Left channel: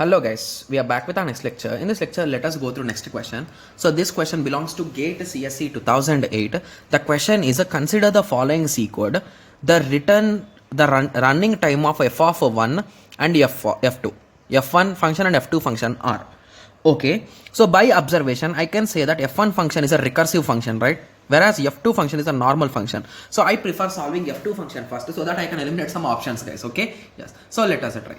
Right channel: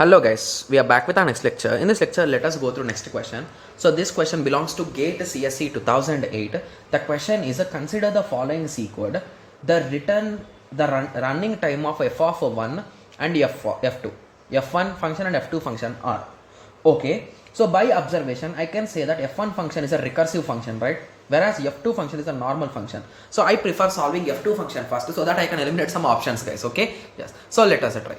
Hello guys, we are back with our next lecture. In this lecture, let us go through next question. So this question belongs to GATE CSE 2008. The question is, consider the following C code. The running time of f of 1 and f2. f1 function and f2 function are. Okay, so by observation, I can say that f1 function is a recursive function, right? Whereas f2 function is a normal function. So I prefer solving f2 function first so that I can eliminate some options, guys. Okay, yes. So let us try.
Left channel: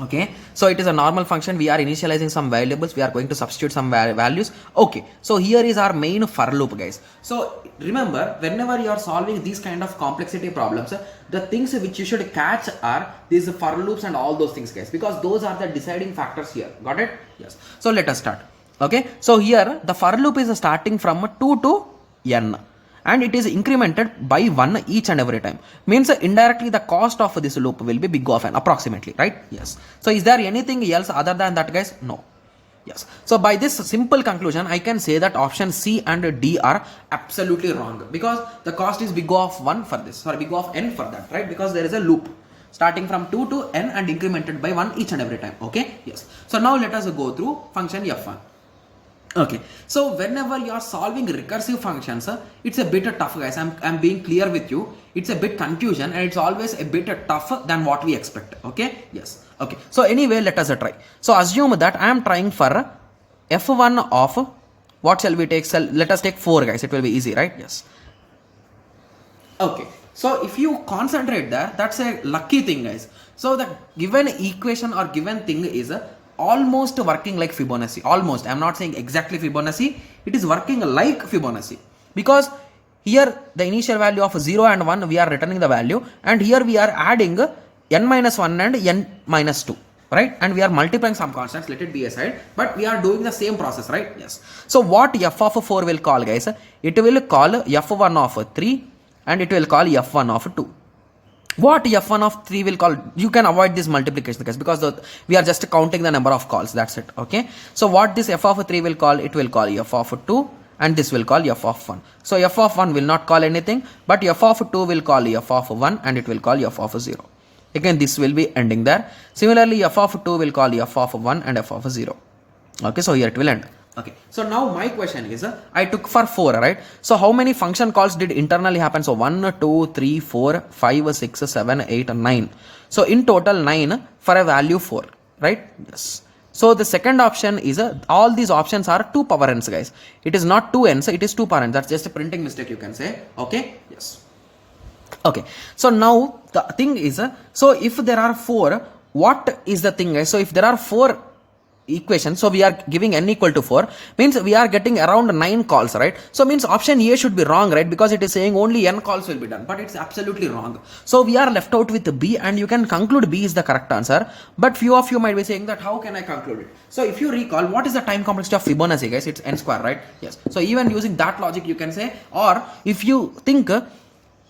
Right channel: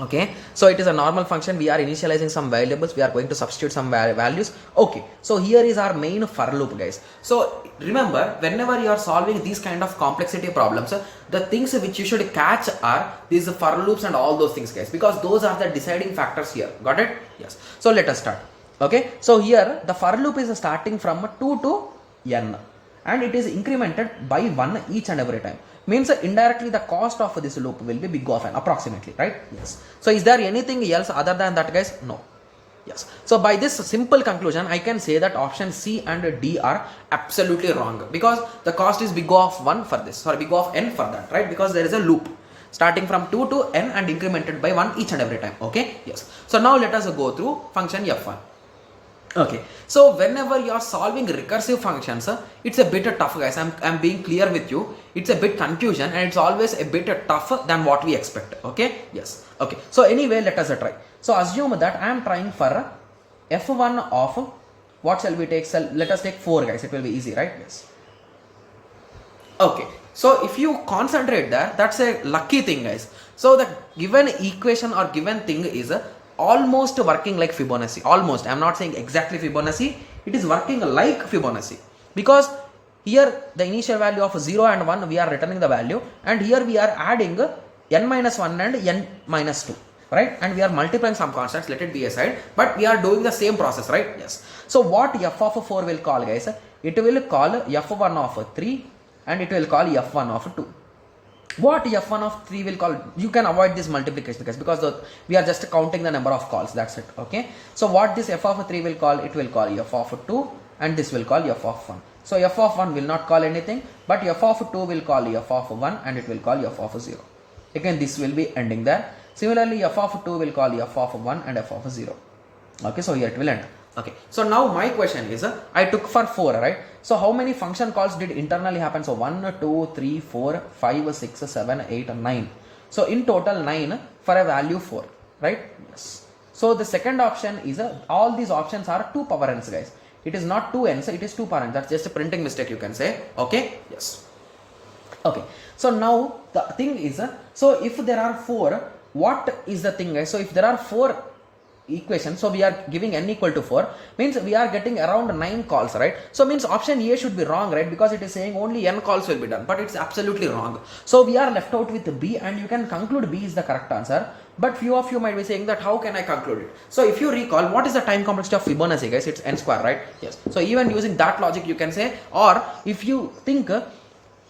Okay, so it is a normal function. We are initializing some variables. We are going to substitute some values. Okay, so here is our main for loop, guys. So remember, whenever you are solving these kind of complexity problems, the things which you should catch are these for loops and all those things, guys, because those are the deciding factors here. Got it? Yes. So let us start. Okay, so here the for loop is starting from 2 to n. And it is incremented by 1 each and every time. Means indirectly the cost of this loop will be big of n approximately, right? Yes. So is there anything else other than that, guys? No. Yes. So by this simple conclusion, I can say that option C and D are absolutely wrong because the cost is big of 1 for this, sorry, big of n for that, right? Because there is a loop starting from 2 to n and incremented by 1 each and every time. Okay. Yes. So now let us go through function f1. Okay, so whenever you are solving recursive functions, it's a bit tough, guys. I'm being clear with you. It's a bit confusion and it's always a bit tougher than what we expect. Okay, yes. Okay, so anyway, let us try. So assume that I am trying for f1 of, what shall we take? So let us take 4, guys. It will be easy, right? Yes. Okay, so if you concentrate there, that's a lucky thing, guys. So the given equation or given thing is almost working like Fibonacci. Almost, I'm not saying exactly Fibonacci. It is working like Fibonacci because here the initial value of 0 and 1 we are returning the value, and here we are adding n minus 1 and n minus 2, right? And we are multiplying some constants, let it be aside, but we are doing the same process, right? Yes. So what f of 4 will call, guys? It will call f1 of 3 and it will call f1 of 2. What f1 of 3 will call? You can avoid this multiplication, guys, because we are just counting the number of calls. That's it. Okay. So what this f of 3 will call? It will call f of 2 and this will call f of 1. So f of 1 will not call anything, but f of 2 will call f of 1 and it will call f of 0. Again, this will be ending there. Similarly, f of 2 will call f of 1 and f of 0. Okay. So here it will end. Okay, so now my question is, I took for 4, right? So how many function calls did internally happen? So 1, 2, 3, 4, 5, 6, 7, 8, 9. So in total 9 for a value 4, right? Yes. So the second option is, all these options are 2 power n's, guys. It is not 2 n's, it is 2 power n's. That's just a printing mistake, you can say. Okay, yes. Okay, so now the thing is, so if there are 4, what is the thing, guys? So if there are 4 equation, so we are giving n equal to 4, means we are getting around 9 calls, right? So means option A should be wrong, right? Because it is saying only n calls will be done, but it's absolutely wrong. So we are left out with B, and you can conclude B is the correct answer. But few of you might be saying that how can I conclude it? So if you recall, what is the time complexity of Fibonacci, guys? It's n square, right? Yes. So even using that logic you can say, or if you think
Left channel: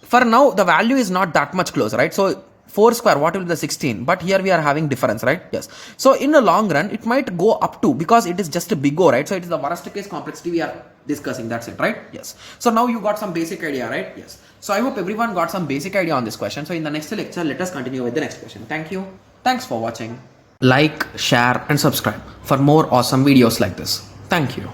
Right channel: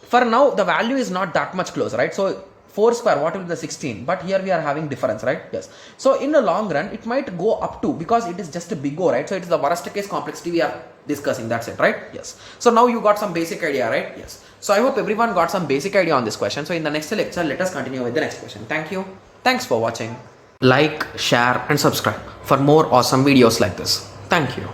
for now the value is not that much close, right? So 4 square, what will be the 16? But here we are having difference, right? Yes. So in the long run, it might go up to, because it is just a big O, right? So it's the worst case complexity we are discussing. That's it, right? Yes. So now you got some basic idea, right? Yes. So I hope everyone got some basic idea on this question. So in the next lecture, let us continue with the next question. Thank you. Thanks for watching. Like, share and subscribe for more awesome videos like this. Thank you.